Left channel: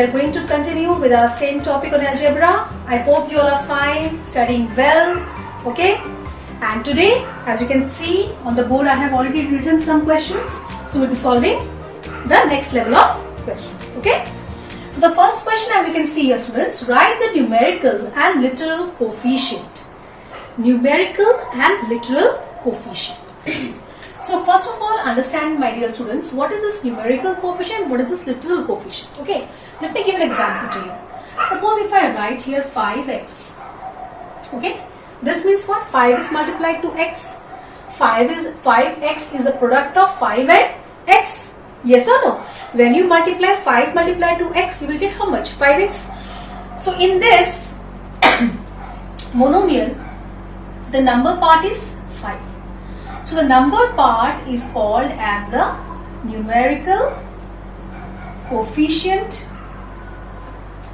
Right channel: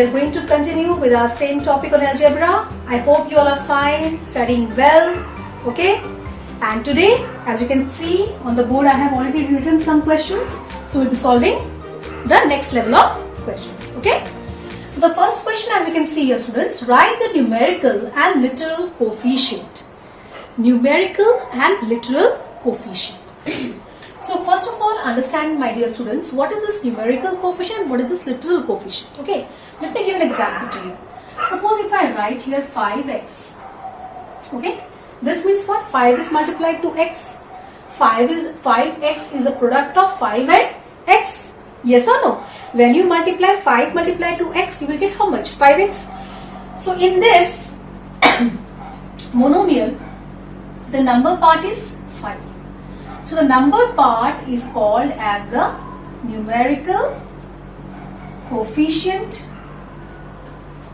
are going to continue with our same topic on algebra. I hope you all are fine, studying well, okay? And today, as you can see on the board, I have already written some questions. So we'll be solving the next level of questions, okay? So the first question, as you can see here, students, write the numerical and literal coefficient. Numerical and literal coefficient. So first of all, understand, my dear students, what is this numerical coefficient, what is this literal coefficient, okay? Let me give an example to you. Suppose if I write here 5x, okay? This means what? 5 is multiplied to x. 5x is a product of 5 and x. Yes or no? When you multiply 5 multiplied to x, you will get how much? 5x. So in this monomial, the number part is 5. So the number part is called as the numerical coefficient,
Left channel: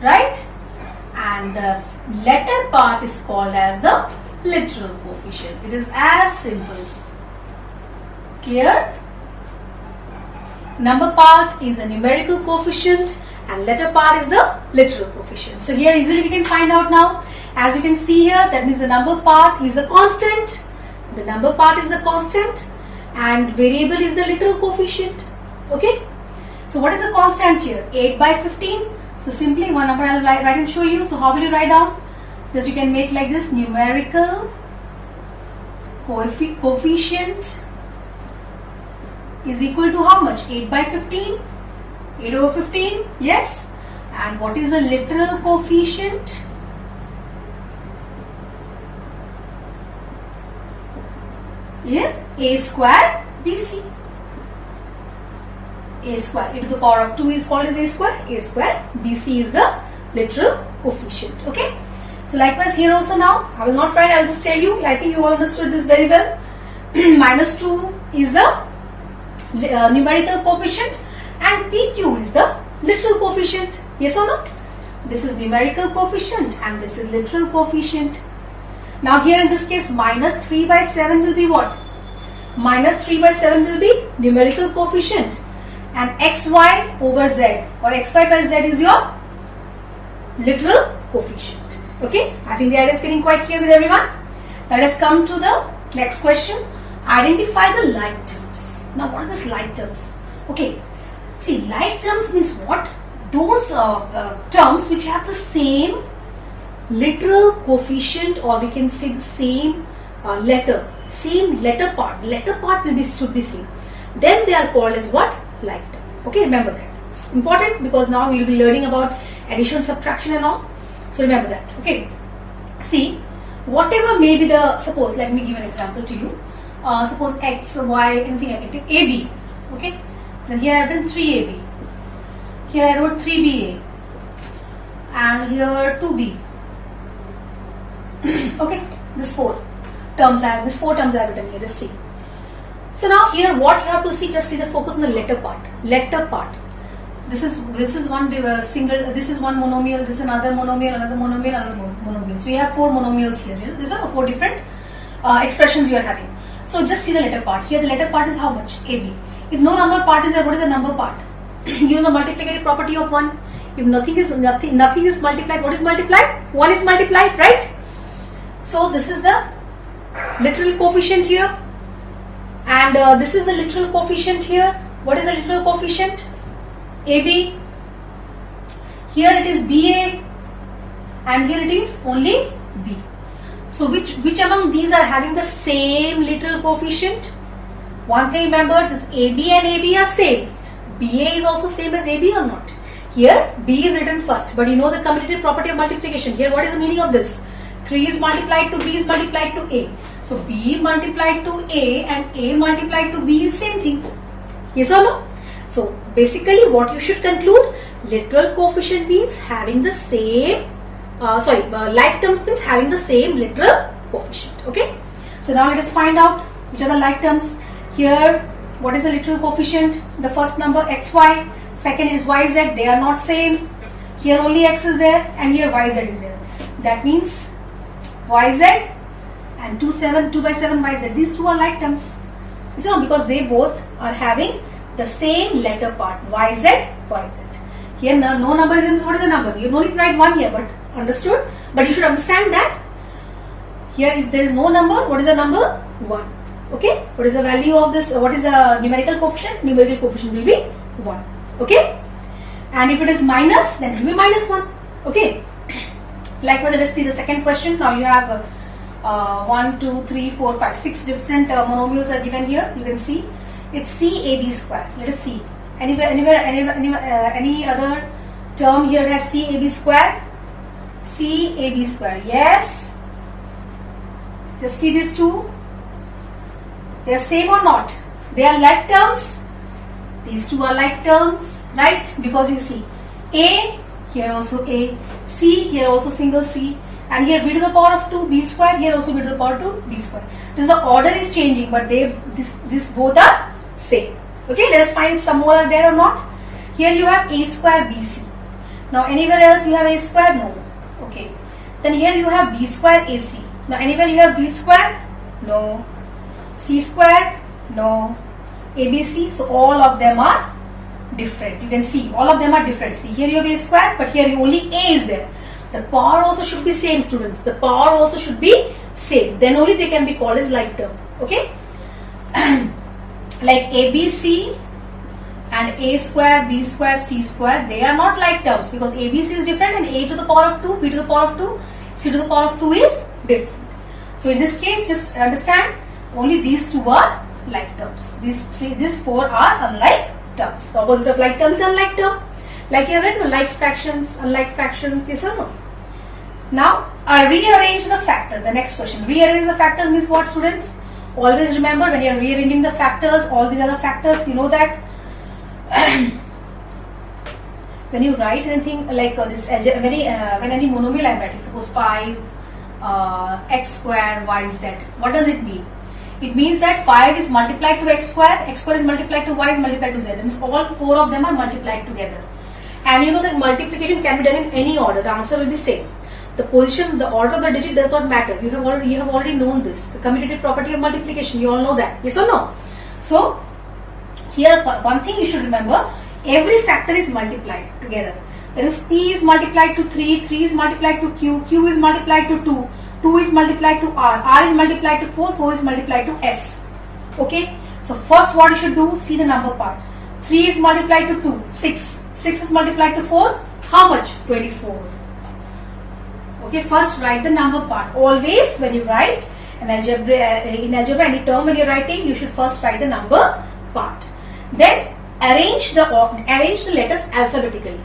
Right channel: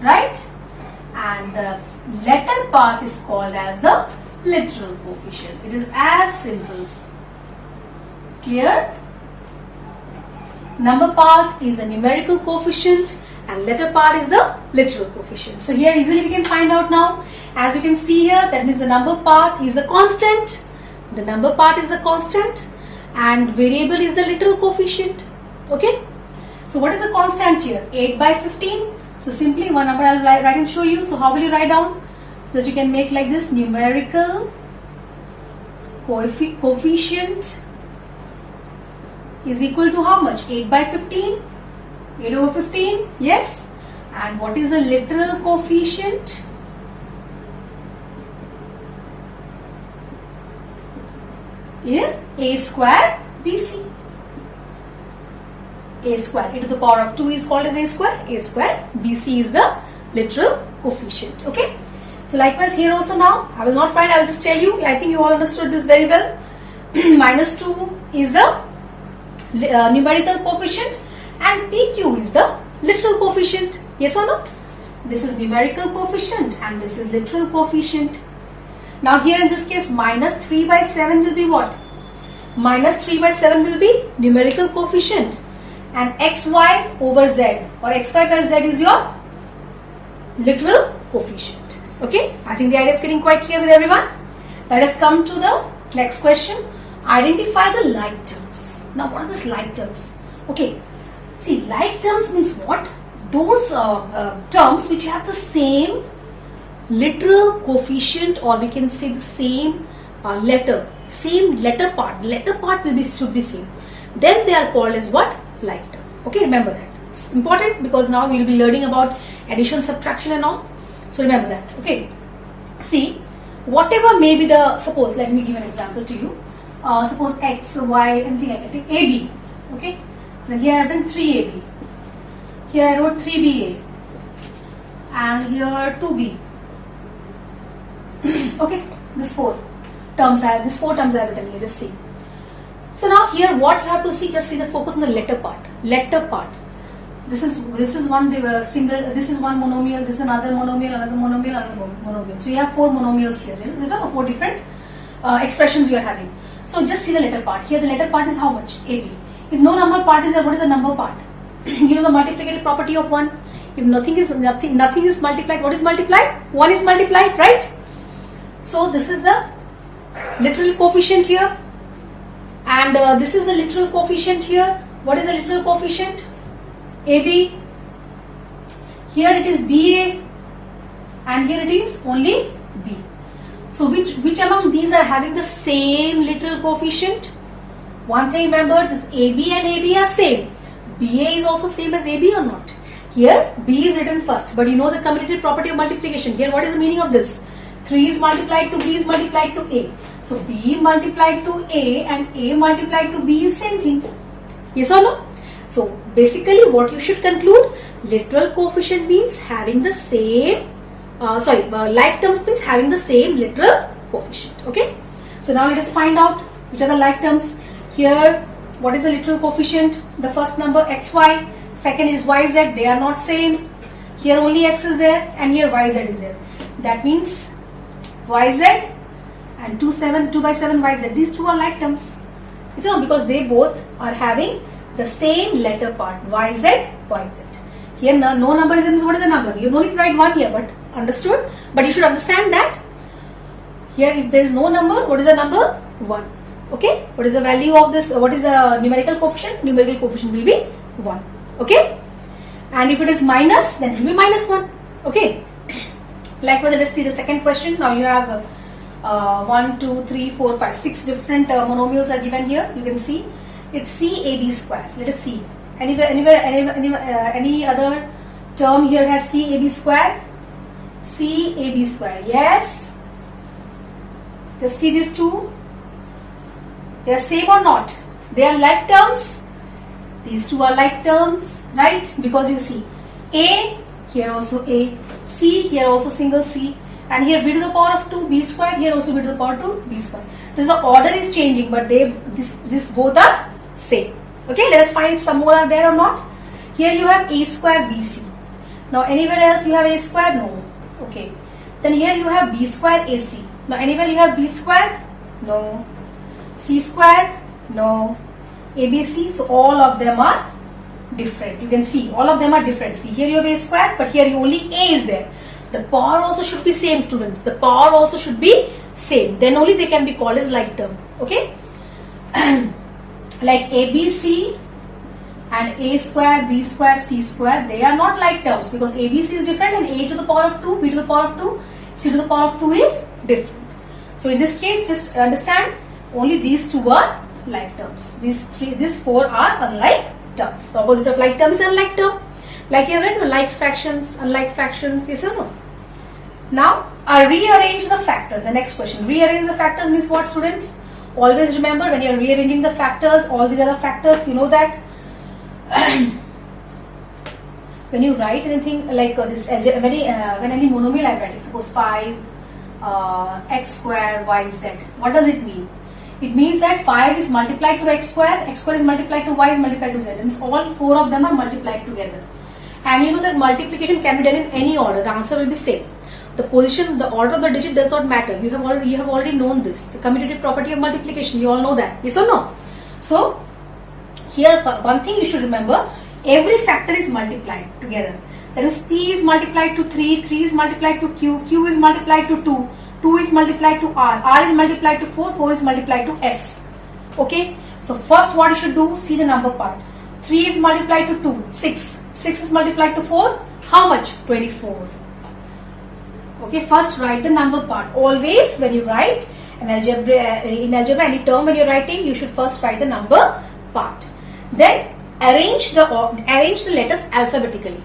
right? And the letter part is called as the literal coefficient. It is as simple. Clear? Number part is the numerical coefficient and letter part is the literal coefficient. So here easily we can find out now. As you can see here, that means the number part is the constant. The number part is the constant and variable is the literal coefficient. Okay. So what is the constant here? 8 by 15. So simply one number I will write and show you. So how will you write down? Just you can make like this: numerical coefficient is equal to how much? 8 by 15. 8 over 15. Yes. And what is the literal coefficient? Yes, a square BC. A square e to the power of 2 is called as a square. A square BC is the literal coefficient. Okay. So likewise here also now, I will not write, I will just tell you. I think you all understood this very well. Minus 2 is the numerical coefficient and PQ is the literal coefficient. Yes or no? This is numerical coefficient and this is literal coefficient. Now here in this case, minus 3 by 7 will be what? Minus 3 by 7 will be numerical coefficient and xy over z or xy by z is your literal coefficient. Okay, I think the idea is getting quite clear with everyone. Let us come to the next question. Identify the like terms. Now what are these like terms? Okay, see, like terms means what? Those terms which have the same literal coefficient, or we can say the same letter part. The letter part should be same. Then they are called as what? Like term. Okay, remember that. It's important because now we will be learning about addition, subtraction and all. So remember that. Okay. See, whatever may be the, suppose, let me give an example to you. Suppose x, y, anything I can take, AB. Okay. Then here I have written 3AB. Here I wrote 3BA. And here 2B. Okay, this four terms I have written here. Just see. So now here what you have to see, just see the focus on the letter part. Letter part. This is one single. This is one monomial. This is another monomial. Another monomial. Another monomial. So you have 4 monomials here. These are 4 different expressions you are having. So just see the letter part. Here the letter part is how much? AB. If no number part is there, what is the number part? You know the multiplicative property of 1. If nothing is multiplied, what is multiplied? 1 is multiplied, right? So this is the literal coefficient here and this is the literal coefficient here. What is the literal coefficient? AB. Here it is BA and here it is only B. So which among these are having the same literal coefficient? One thing remember, this AB and AB are same. BA is also same as AB or not? Here B is written first, but you know the commutative property of multiplication. Here what is the meaning of this? 3 is multiplied to B is multiplied to A. So B multiplied to A and A multiplied to B is same thing. Yes or no? So basically what you should conclude, literal coefficient means having the same, like terms means having the same literal coefficient. Okay. So now let us find out which are the like terms. Here what is the literal coefficient? The first number xy, second is yz, they are not same. Here only x is there and here yz is there. That means yz and 2 by 7 yz. These two are like terms. You know, because they both are having the same letter part, yz, yz. Here no number is, what is a number? You don't need to write 1 here, but understood? But you should understand that here if there is no number, what is the number? 1. Okay? What is the value of this? What is the numerical coefficient? Numerical coefficient will be 1. Okay? And if it is minus, then it will be minus 1. Okay? Likewise, let us see the second question. Now you have 1, 2, 3, 4, 5, 6 different monomials are given here. You can see it's CAB square. Let us see. Any other term here has CAB square? CAB square. Yes. Just see these two. They are same or not? They are like terms. These two are like terms, right? Because you see A, here also A, C, here also single C, and here b to the power of 2 b square, here also b to the power 2 b square. This the order is changing, but this both are same. Okay, let us find if some more are there or not. Here you have a square bc. Now anywhere else you have a square? No. Okay. Then here you have b square ac. Now anywhere you have b square? No. C square? No. ABC. So all of them are different. You can see all of them are different. See, here you have a square, but here only a is there. The power also should be same, students. The power also should be same. Then only they can be called as like term. Okay. Like ABC and a square, b square, c square, they are not like terms because ABC is different and a to the power of 2, b to the power of 2, c to the power of 2 is different. So in this case, just understand only these two are like terms. These four are unlike terms. The opposite of like term is unlike term. Like you have read, like fractions, unlike fractions, yes or no? Now, rearrange the factors. The next question. Rearrange the factors means what, students? Always remember when you are rearranging the factors, all these other factors, you know that when you write anything like this, when any monomial I am writing, suppose 5 x square y z, what does it mean? It means that 5 is multiplied to x square is multiplied to y is multiplied to z. It means all four of them are multiplied together. And you know that multiplication can be done in any order. The answer will be same. The position, the order of the digit does not matter. You have already known this. The commutative property of multiplication. You all know that. Yes or no? So, here one thing you should remember. Every factor is multiplied together. That is, P is multiplied to 3, 3 is multiplied to Q, Q is multiplied to 2, 2 is multiplied to R, R is multiplied to 4, 4 is multiplied to S. Okay? So, first what you should do, see the number part. 3 is multiplied to 2, 6. 6 is multiplied to 4, how much? 24. Okay, first write the number part. Always when you write in algebra, any term when you are writing, you should first write the number part. Then arrange the letters alphabetically.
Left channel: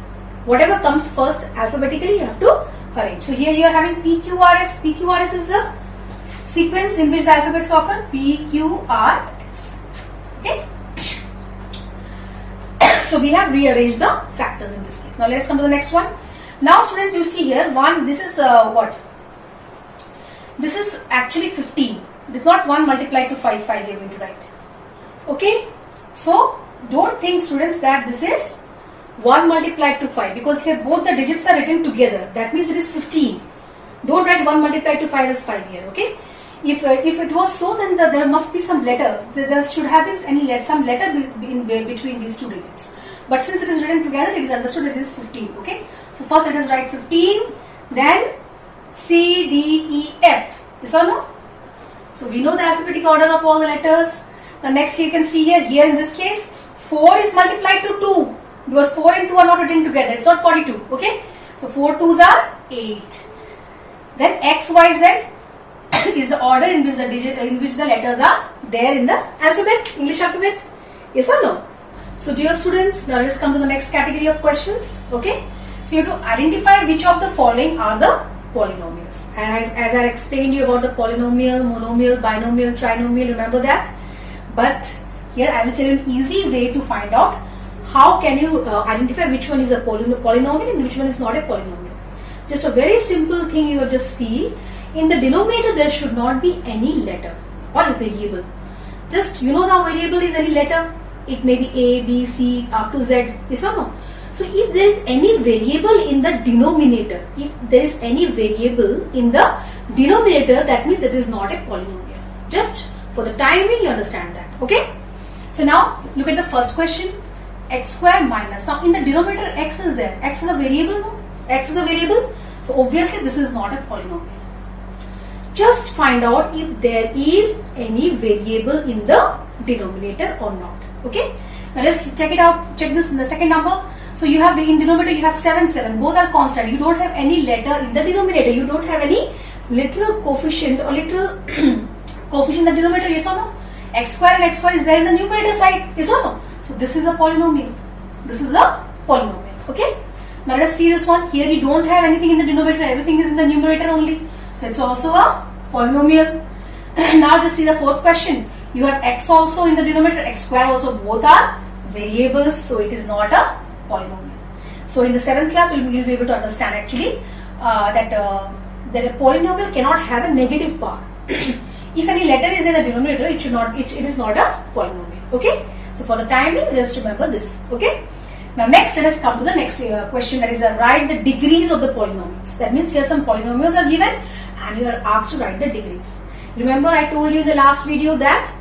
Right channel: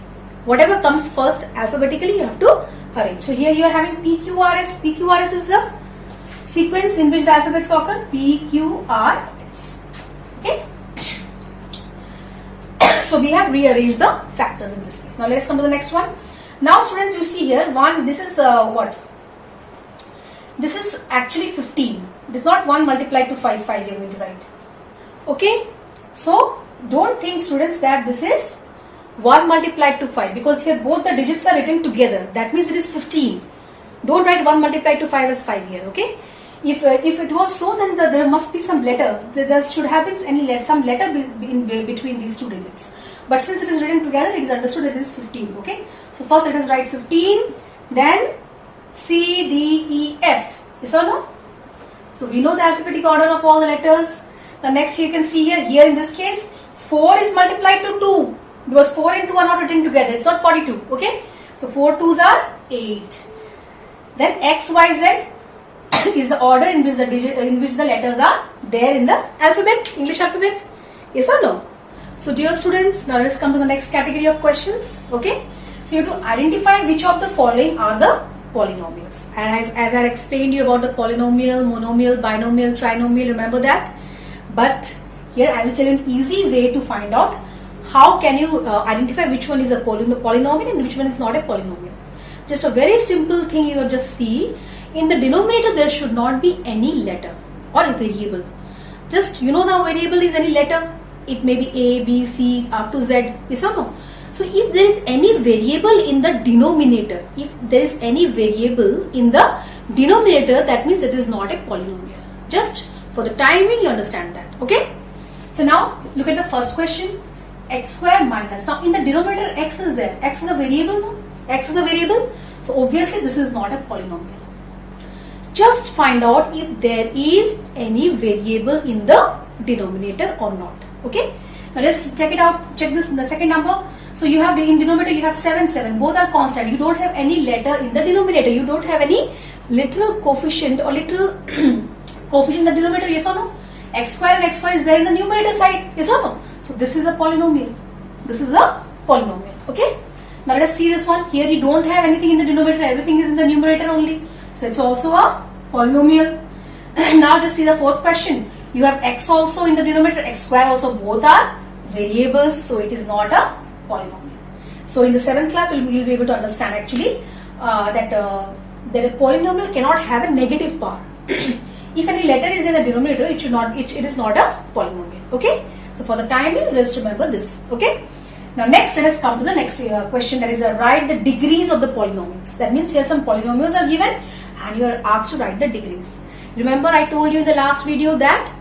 Whatever comes first alphabetically, you have to arrange. So here you are having PQRS. PQRS is the sequence in which the alphabets occur. PQRS. Okay. So we have rearranged the factors in this case. Now let's come to the next one. Now students, you see here this is what? This is actually 15. It is not 1 multiplied to 5 you are going to write. Okay. So don't think, students, that this is 1 multiplied to 5 because here both the digits are written together. That means it is 15. Don't write 1 multiplied to 5 as 5 here. Okay. If it was so, then there must be some letter. There should have been some letter between these two digits. But since it is written together, it is understood that it is 15. Okay. So first let us write 15, then C, D, E, F. Yes or no? So we know the alphabetic order of all the letters. Now next you can see here in this case, 4 is multiplied to 2 because 4 and 2 are not written together. It's not 42. Okay. So 4 2s are 8. Then X, Y, Z is the order in which the letters are there in the alphabet, English alphabet. Yes or no? So dear students, now let's come to the next category of questions. Okay. So you have to identify which of the following are the polynomials. And as I explained you about the polynomial, monomial, binomial, trinomial, remember that. But here I will tell you an easy way to find out how can you identify which one is a polynomial and which one is not a polynomial. Just a very simple thing you just see. In the denominator there should not be any letter or a variable. Just you know now variable is any letter. It may be A, B, C up to Z. Yes or no? So if there is any variable in the denominator, that means it is not a polynomial. Just for the time being you understand that. Okay. So now look at the first question. x square minus. Now in the denominator x is there. X is a variable. No? X is a variable. So obviously this is not a polynomial. Just find out if there is any variable in the denominator or not. Okay. Now let's check it out. Check this in the second number. So you have in denominator you have 7, 7. Both are constant. You don't have any letter in the denominator. You don't have any little coefficient or little coefficient in the denominator. Yes or no? X square and xy is there in the numerator side. Yes or no? So this is a polynomial. This is a polynomial. Okay. Now let's see this one. Here you don't have anything in the denominator. Everything is in the numerator only. So it's also a polynomial. Now just see the fourth question. You have x also in the denominator. X square also. Both are variables. So it is not a polynomial. So in the 7th class you'll be able to understand actually that a polynomial cannot have a negative power. If any letter is in the denominator, it is not a polynomial. Okay. So for the time being, just remember this. Okay. Now next, let us come to the next question, that is write the degrees of the polynomials. That means here some polynomials are given and you are asked to write the degrees. Remember I told you in the last video that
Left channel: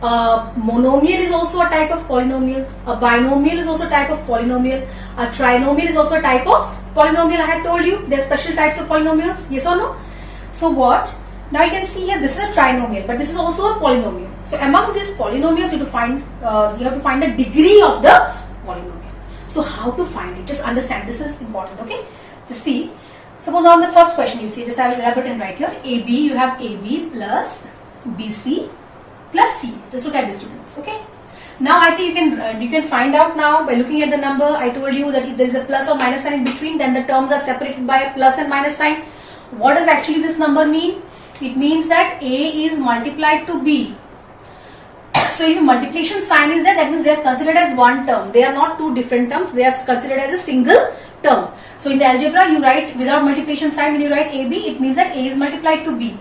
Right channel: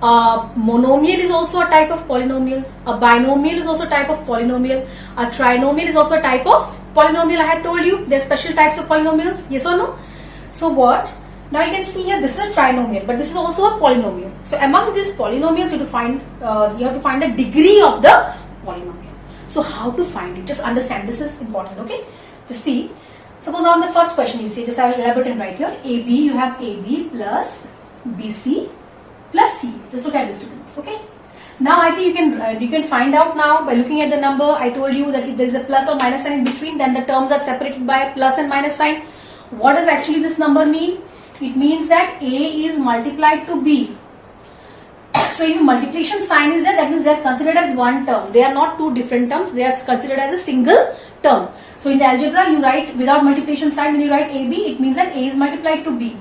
monomial is also a type of polynomial, a binomial is also a type of polynomial, a trinomial is also a type of polynomial. I had told you there are special types of polynomials, yes or no? So what? Now you can see here this is a trinomial, but this is also a polynomial. So among these polynomials you have to find the degree of the polynomial. So how to find it? Just understand, this is important. Okay, just see. Suppose on the first question you see, just I will elaborate and write here. AB, you have AB plus BC plus C. Just look at this, students. Okay. Now I think you can find out now by looking at the number. I told you that if there is a plus or minus sign in between, then the terms are separated by a plus and minus sign. What does actually this number mean? It means that A is multiplied to B. So if multiplication sign is there, that means they are considered as one term. They are not two different terms. They are considered as a single term. So in the algebra, you write without multiplication sign, when you write AB, it means that A is multiplied to B.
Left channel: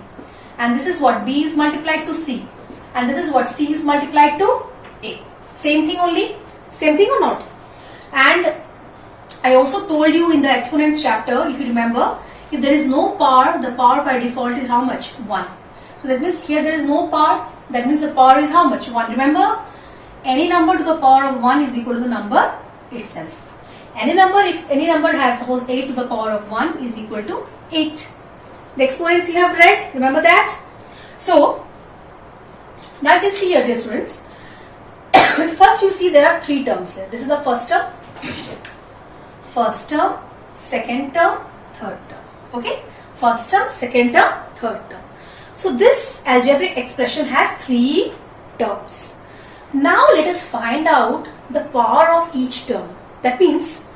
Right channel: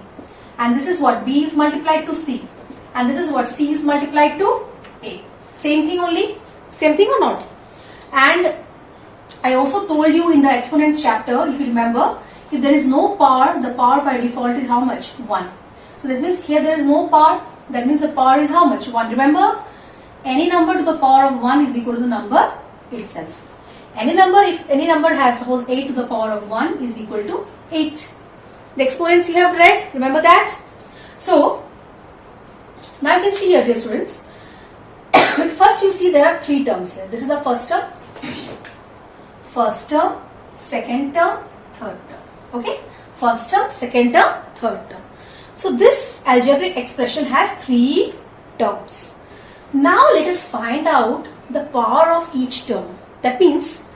And this is what B is multiplied to C. And this is what C is multiplied to A. Same thing only? Same thing or not? And I also told you in the exponents chapter, if you remember, if there is no power, the power by default is how much? 1. So that means here there is no power. That means the power is how much? 1. Remember, any number to the power of 1 is equal to the number itself. Any number, if any number has, suppose 8 to the power of 1 is equal to 8. The exponents you have read, remember that? So, now you can see here, dear students. First you see there are 3 terms here. This is the first term, second term, third term. Okay? First term, second term, third term. So this algebraic expression has 3 terms. Now let us find out the power of each term. That means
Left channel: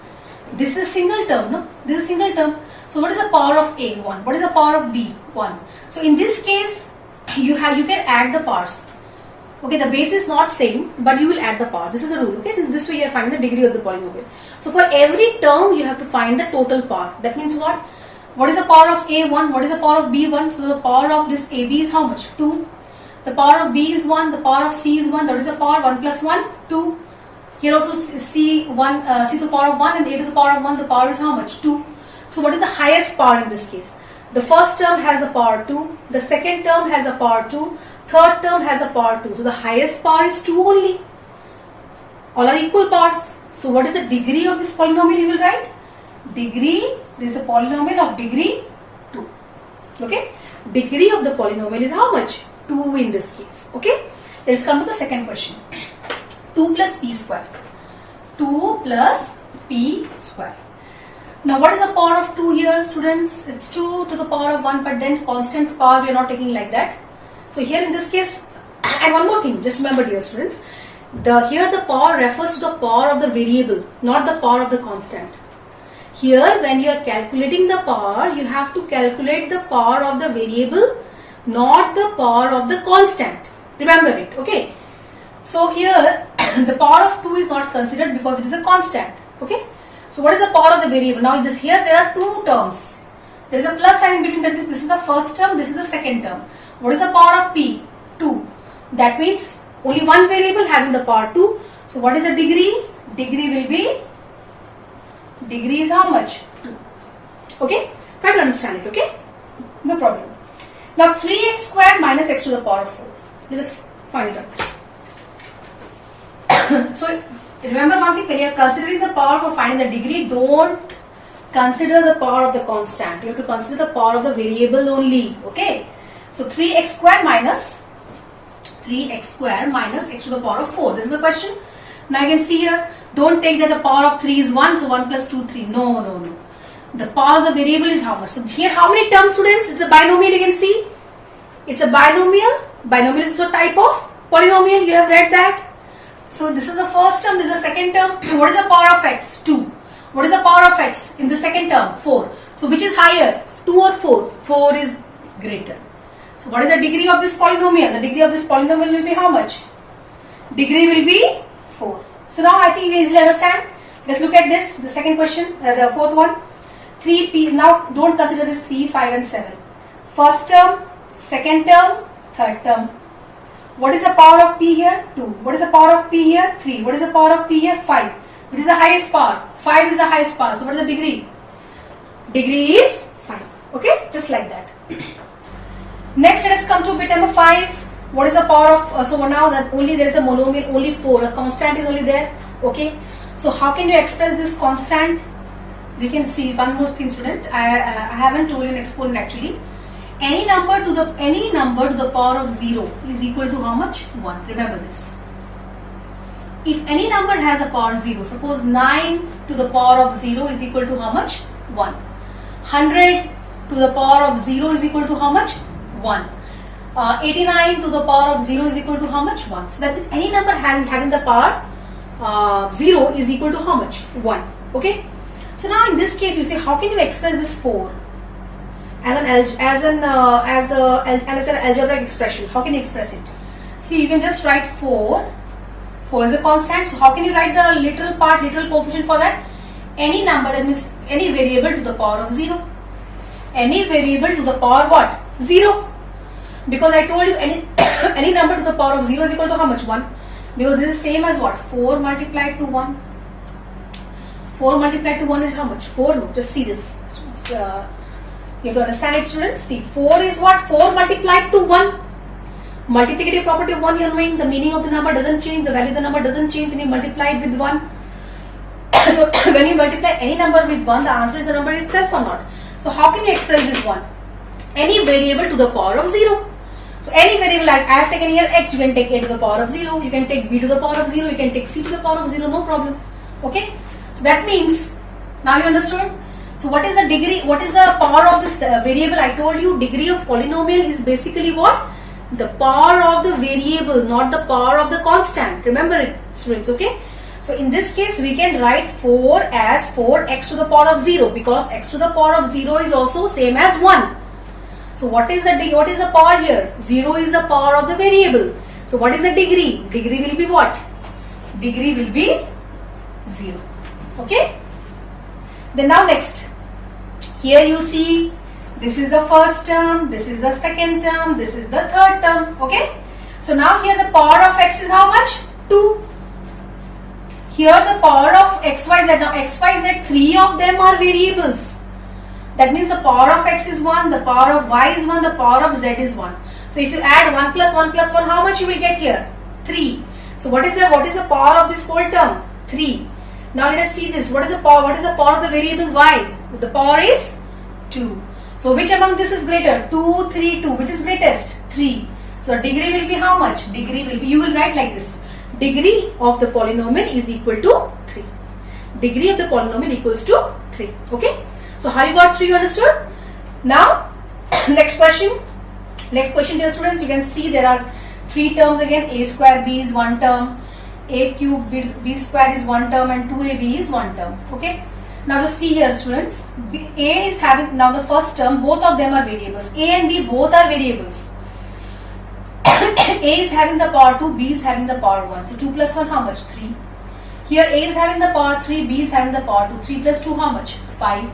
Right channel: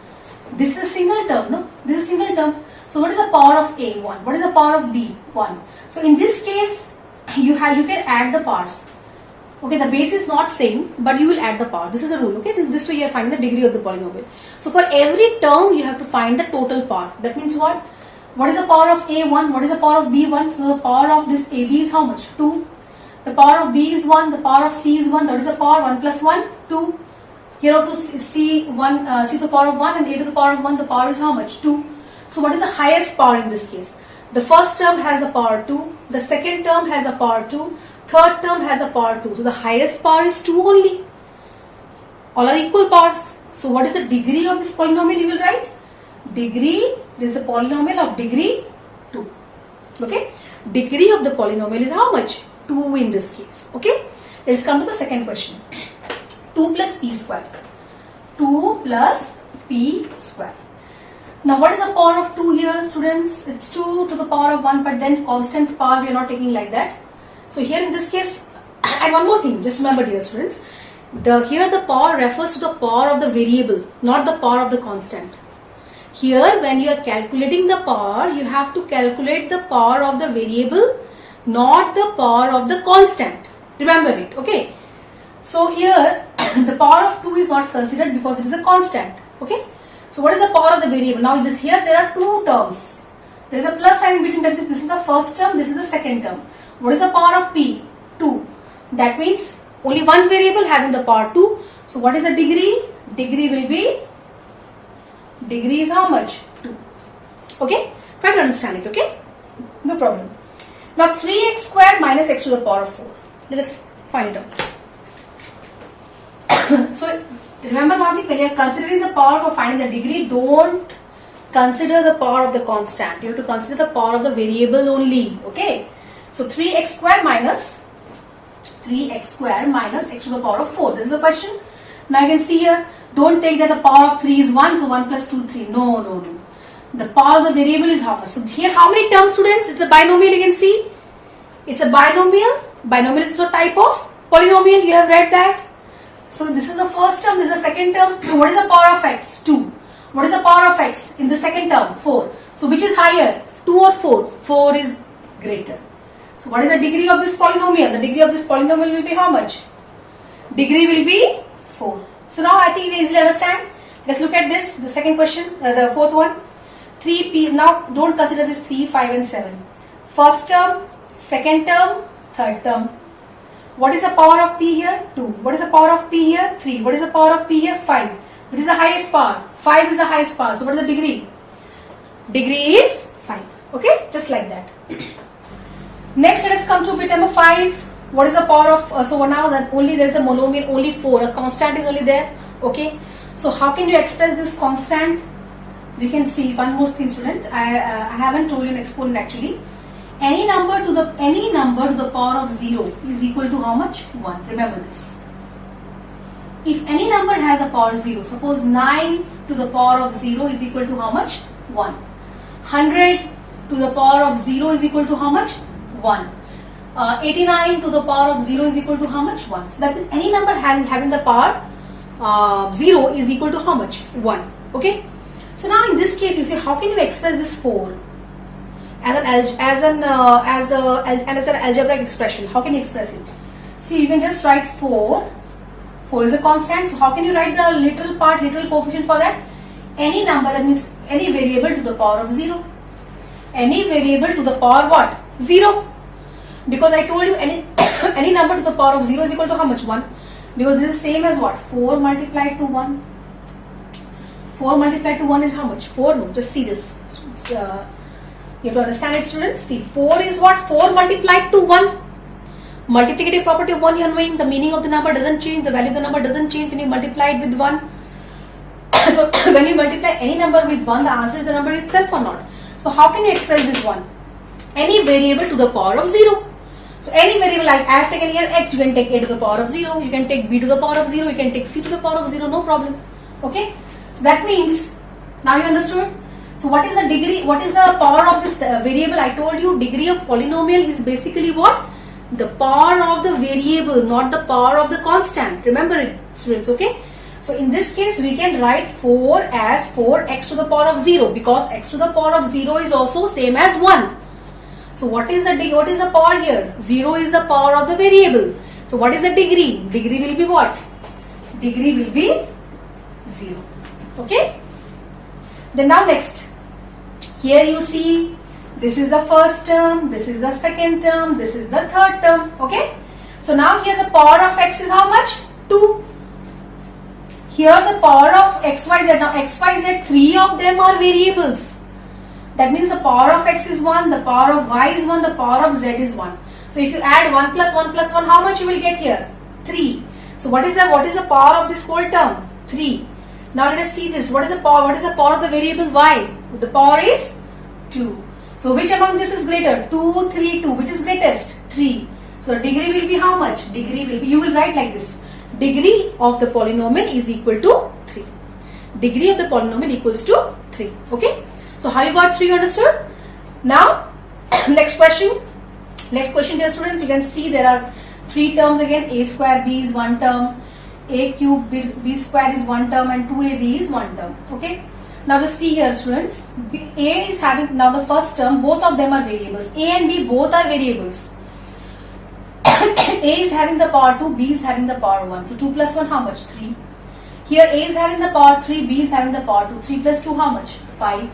this is a single term, no? This is a single term. So what is the power of A? 1. What is the power of B? 1. So in this case, you can add the powers. Okay, the base is not same, but you will add the power. This is the rule. Okay, this way you are finding the degree of the polynomial. So for every term, you have to find the total power. That means what? What is the power of A1? What is the power of B1? So the power of this AB is how much? 2. The power of B is 1. The power of C is 1. That is the power 1 plus 1, 2. Here also C to the power of 1 and A to the power of 1. The power is how much? 2. So what is the highest power in this case? The first term has a power 2. The second term has a power 2. Third term has a power 2. So the highest power is 2 only. All are equal powers. So what is the degree of this polynomial you will write? Degree, this is a polynomial of degree 2. Okay. Degree of the polynomial is how much? 2 in this case. Okay. Let's come to the second question. 2 plus p square. 2 plus p square. Now what is the power of 2 here, students? It's 2 to the power of 1, but then constant power we are not taking like that. So here in this case, and one more thing, just remember dear students, here the power refers to the power of the variable, not the power of the constant. Here when you are calculating the power, you have to calculate the power of the variable, not the power of the constant. Remember it, okay? So here the power of 2 is not considered because it is a constant, okay? So what is the power of the variable? Now here there are 2 terms. There is a plus sign between, that means this is the first term, this is the second term. What is the power of p? 2. That means only one variable having the power 2. So what is the degree? Degree will be, degree is how much? 2. Okay? Try to understand it, okay? No problem. Now 3x squared minus x to the power of 4. Let us find it out. So remember one thing, when you are considering the power for finding the degree, don't consider the power of the constant. You have to consider the power of the variable only. Okay. So 3x square minus x to the power of 4. This is the question. Now you can see here, don't take that the power of 3 is 1, so 1 plus 2, 3. No. The power of the variable is how much? So here how many terms, students? It's a binomial, you can see. It's a binomial. Binomial is also a type of polynomial. You have read that. So this is the first term, this is the second term. What is the power of x? 2. What is the power of x in the second term? 4. So which is higher? 2 or 4? 4 is greater. So what is the degree of this polynomial? The degree of this polynomial will be how much? Degree will be 4. So now I think you easily understand. Let's look at this, the second question, the fourth one. 3p, now don't consider this 3, 5 and 7. First term, second term, third term. What is the power of p here? 2. What is the power of p here? 3. What is the power of p here? 5. What is the highest power? 5 is the highest power. So what is the degree? Degree is 5. Okay, just like that. Next, let us come to bit number 5. What is the power of, so now that only there is a monomial, only 4, a constant is only there. Okay, so how can you express this constant? We can see one more thing, student. I haven't told you an exponent actually. Any number to the power of 0 is equal to how much? 1. Remember this. If any number has a power 0, suppose 9 to the power of 0 is equal to how much? 1. 100 to the power of 0 is equal to how much? 1. 89 to the power of 0 is equal to how much? 1. So that means any number having the power 0 is equal to how much? 1. Okay. So now in this case you say, how can you express this 4 as an algebraic expression? How can you express it? See, you can just write 4. 4 is a constant. So how can you write the literal coefficient for that? Any number, that means any variable to the power of 0. Any variable to the power what? 0. Because I told you any number to the power of 0 is equal to how much? 1. Because this is same as what? 4 multiplied to 1. 4 multiplied to 1 is how much? 4. No, just see this. You have to understand it, students. See, 4 is what? 4 multiplied to 1. Multiplicative property of 1 you are knowing. The meaning of the number doesn't change. The value of the number doesn't change when you multiply it with 1. So when you multiply any number with 1, the answer is the number itself or not. So how can you express this 1? Any variable to the power of 0. So any variable, like I have taken here x, you can take a to the power of 0. You can take b to the power of 0. You can take c to the power of 0. No problem. Okay. So that means, now you understood. So what is the degree? What is the power of this variable? I told you degree of polynomial is basically what? The power of the variable, not the power of the constant. Remember it, students. Okay. So in this case, we can write 4 as 4x to the power of 0, because x to the power of 0 is also same as 1. So what is the power here? 0 is the power of the variable. So what is the degree? Degree will be what? Degree will be 0. Okay. Then now next, here you see, this is the first term, this is the second term, this is the third term. Okay. So now here the power of x is how much? 2. Here the power of x, y, z. Now x, y, z, 3 of them are variables. That means the power of x is 1, the power of y is 1, the power of z is 1. So if you add 1 plus 1 plus 1, how much you will get here? 3. So what is the power of this whole term? 3. Now let us see this. What is the power? What is the power of the variable y? The power is 2. So which among this is greater? 2, 3, 2. Which is greatest? 3. So the degree will be how much? Degree will be, you will write like this. Degree of the polynomial is equal to 3. Degree of the polynomial equals to 3. Okay. So how you got 3, understood? Now next question. Next question, dear students, you can see there are 3 terms again. A square b is 1 term, a cube b square is 1 term, and 2ab is 1 term. Okay. Now just see here, students. A is having, now the first term, both of them are variables. A and b both are variables. A is having the power 2, b is having the power 1. So 2 plus 1 how much? 3. Here A is having the power 3, b is having the power 2. 3 plus 2 how much? 5.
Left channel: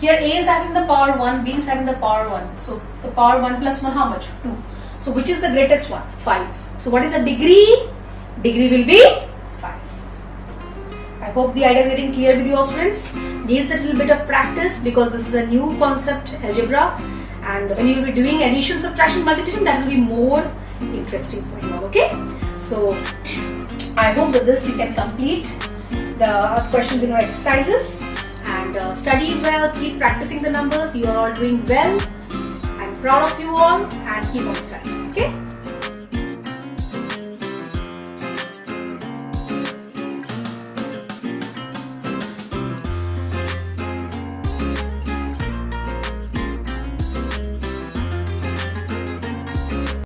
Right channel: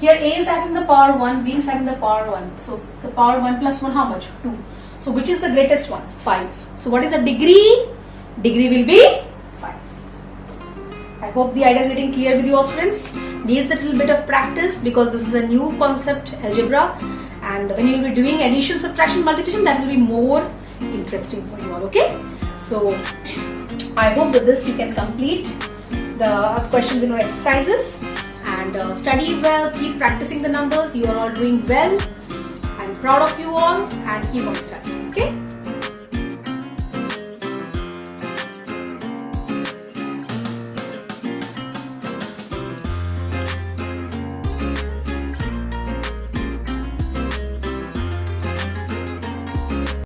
Here A is having the power 1, B is having the power 1. So the power 1 plus 1 how much? 2. So which is the greatest one? 5. So what is the degree? Degree will be 5. I hope the idea is getting clear with you all, students. Needs a little bit of practice because this is a new concept, algebra. And when you will be doing addition, subtraction, multiplication, that will be more interesting for you all. Okay. So I hope with this you can complete the questions in your exercises and study well, keep practicing the numbers. You are all doing well. I'm proud of you all and keep on studying. Okay.